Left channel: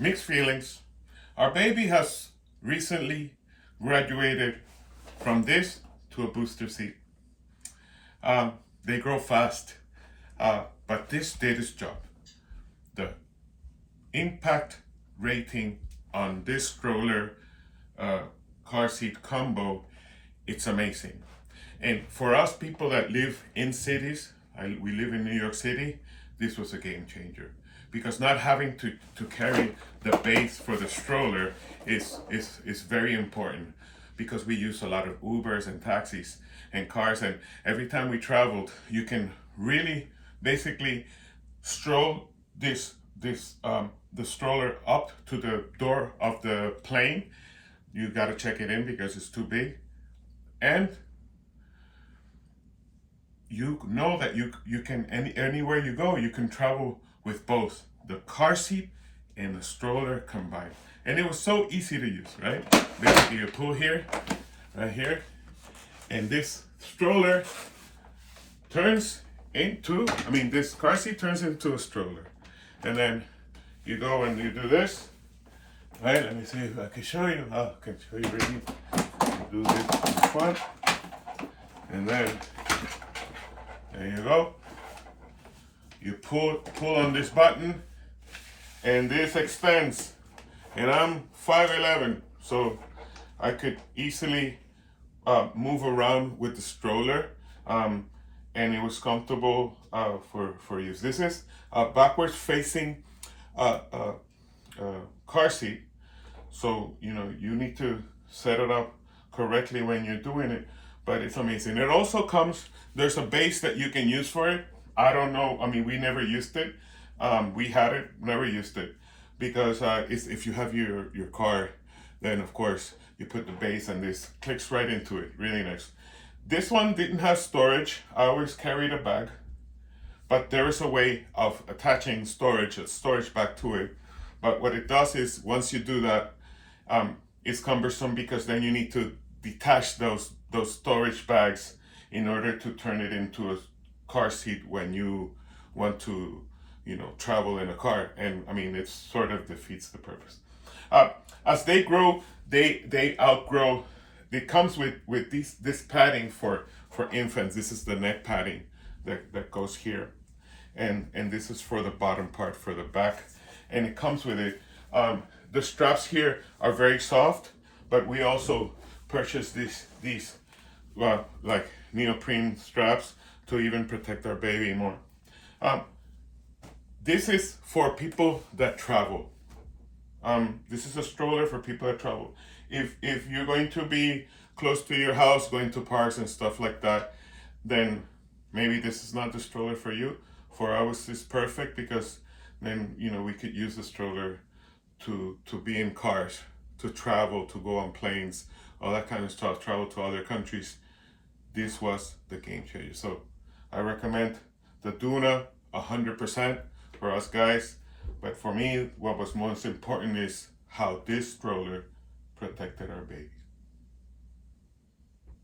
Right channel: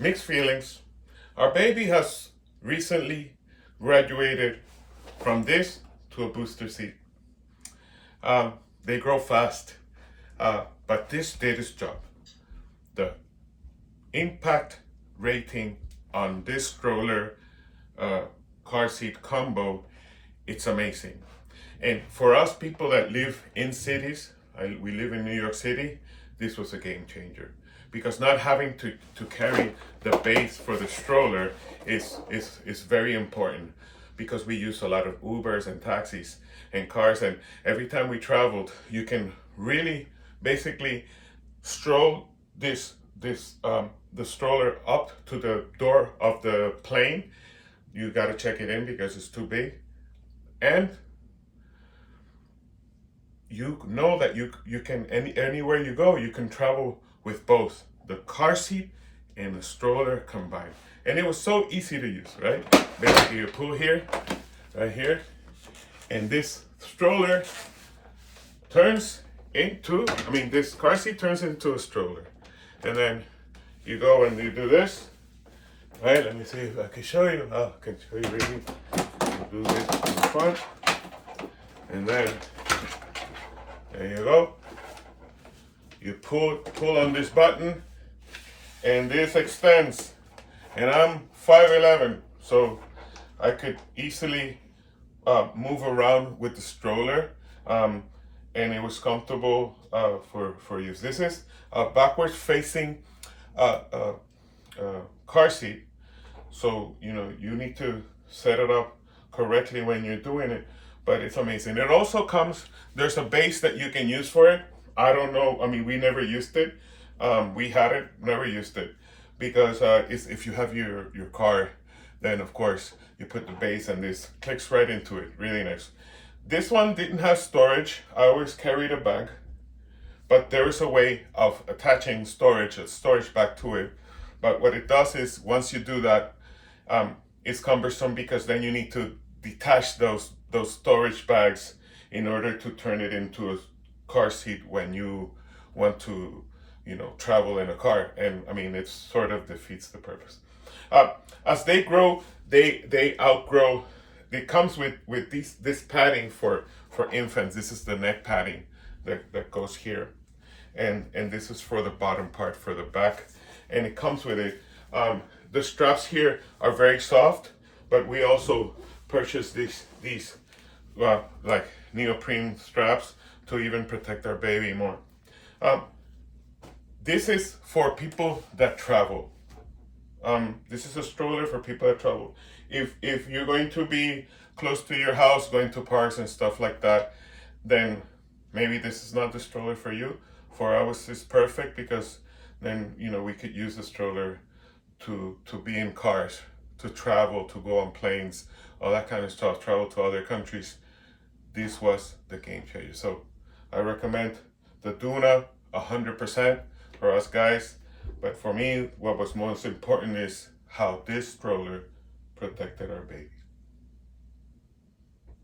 mixed feelings. Our baby has recently graduated from this to a booster seat. They grow fast, but this did its job. The impact rating on this stroller car seat combo, it's amazing. And for us people that live in cities, we live in New York City, this was a game changer. Because not having to carry the base for the stroller is very important, because we use a lot of Ubers and taxis and cars, and every time we traveled, you can really basically stroll the stroller up to the door of the plane. You got to check it in because it's too big, and you know that you can anywhere you go, you can travel with both the car seat and the stroller combined. And it was so easy to use, right? Basically you pull here, right here, and this stroller turns into, this car seat turns into a stroller. And then you go and you do this, right? Let me see if I can show you. Oh, I can show you really. You do this in the front, and then there you go. You pull on this button, and this extends. And I'm 5'11", so I could easily move around with the stroller, and it was comfortable for use. This is a backwards facing car seat, so you need to set it up correctly when you're doing it. But it's amazing. It also comes, there's a base that you can use for it. I don't know, we never used it. We had it, never used it. Because if you have your car, then of course you put the base and this clicks right into it, really nice. This one didn't have storage. I always carried a bag. But there is a way of attaching a storage bag to it. But what it does is, once you do that, it's cumbersome, because then you need to detach those storage bags in order to turn it into a car seat when you want to travel in a car. And it sort of defeats the purpose. As they grow, they outgrow. It comes with this padding for infants. This is the neck padding that goes here, and this is for the bottom part, for the back, and it comes with it. The straps here are very soft, but we also purchased these like neoprene straps to even protect our baby more. This is for people that travel. This is a stroller for people that travel. If you're going to be close to your house, going to parks and stuff like that, then maybe this is not the stroller for you. For us, it's perfect, because then we could use the stroller to be in cars, to travel, to go on planes, all that kind of stuff, travel to other countries. This was the game changer. So I recommend the Doona 100% for us guys. But for me, what was most important is how this stroller protected our babies.